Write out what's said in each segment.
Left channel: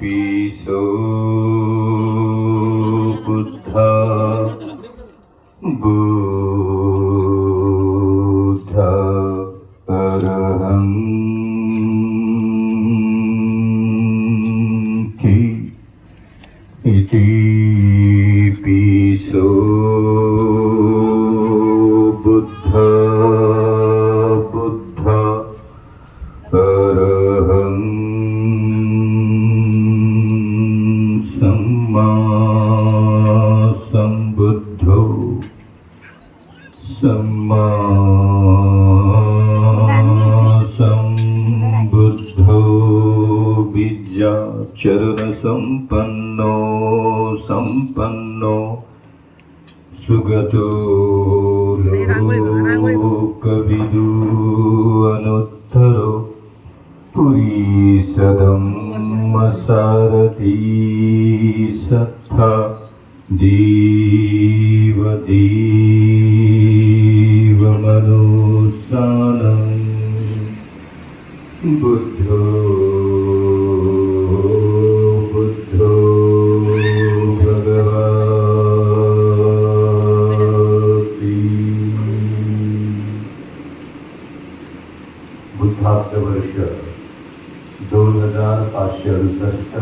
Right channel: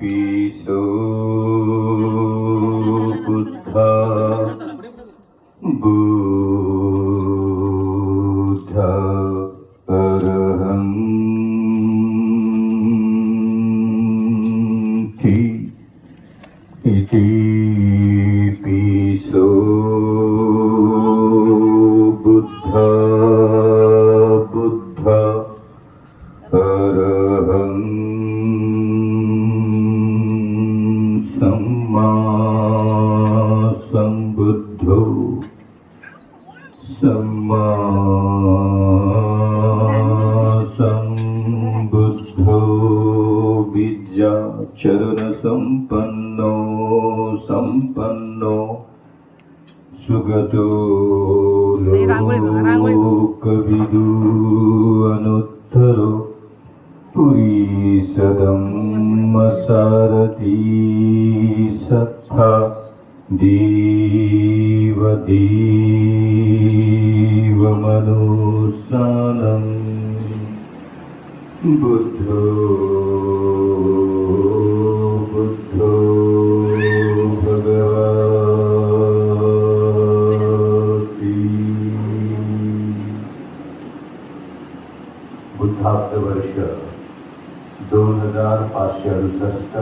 पिसो बुद्धा बुद्धा अरहन्ति इति पिसो बुद्धा बुद्धा अरहं सम्बुद्धो सम्मा सम्बुद्धो विद्याचरणसम्पन्नो सम्पन्नो सुगतो लोकविदु अनुत्तरो पुरीसदं सत्था दीवदीवमनुसानम् बुद्धो बुद्धो वर्ष दोन हजार पाचशे अडुसष्ट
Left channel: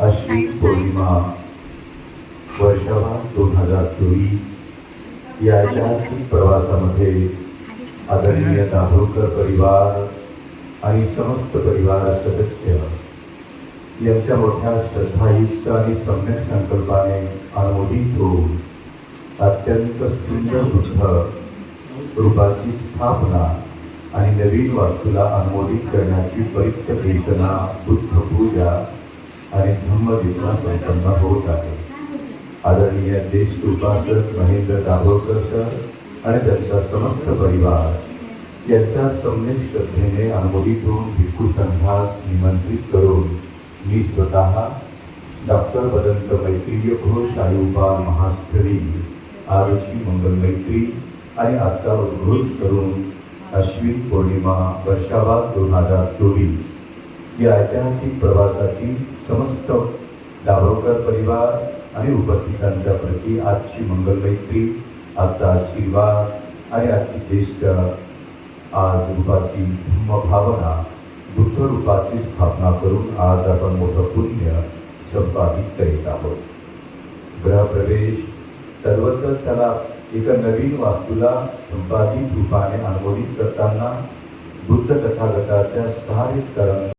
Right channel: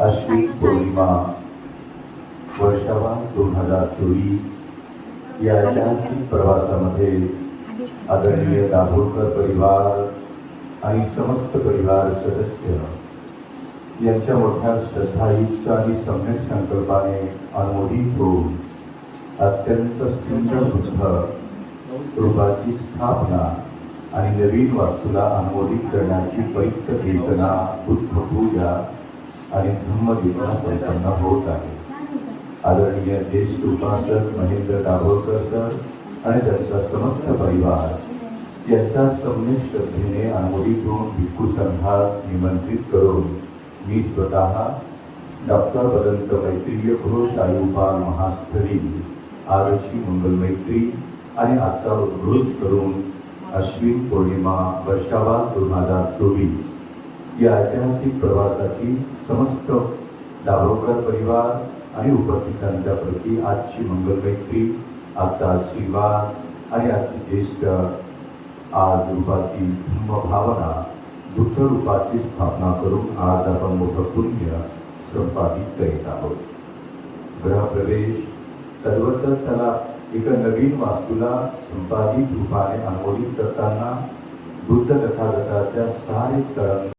अश्विन पौर्णिमा वर्षावा दोन हजार चोवीस या ऐतिहासिक प्रवासामध्ये आदरणीय दाभोळकर परिवार आणि समस्त परिवार सदस्य यांच्या मोठ्या श्रद्धायुक्त आणि सम्यक संकल्पाने अनुमोदित होऊन अत्यंत सुंदर बुद्ध रूपाची स्थापना आणि नवीन वास्तूला अनुमोदित करण्याची पवित्र चेतना बुद्ध पूजा आणि धम्मदिवसा संपन्न होत आहे. आदरणीय देश उपासक महेंद्र दाभोळकर सर आणि त्यांचा समस्त परिवार. यांच्या सम्यक श्रद्धेने अनुमोदित होऊन भिक्खू संघास निमंत्रित करून मी स्वतः डॉक्टर बदंत मैत्रीय घोष आयुपाल महास्थळी आजची मंगल मैत्री आणि आजचा उद्घोष करून अश्विन पौर्णिमा वर्षावाद दोन हज़ार चोवीस. या ऐतिहासिक प्रवासाची समस्त दाभोळकर परिवार आणि उपस्थितांच्या प्रती आजची मंगल मैत्री आजचा आशीर्वाद आणि आजची ज्येष्ठ आज रूपाची धम्म भावना बुद्ध रूपाची स्थापना करून आज आपण मोठं पुण्य संपादित करीत आहोत. ग्रहप्रवेश सर्वतच त्याला एका नवीन वास्तूला संपादित रूपाने अनुमोदित करताना बुद्ध तथागताच्या सहाय्यक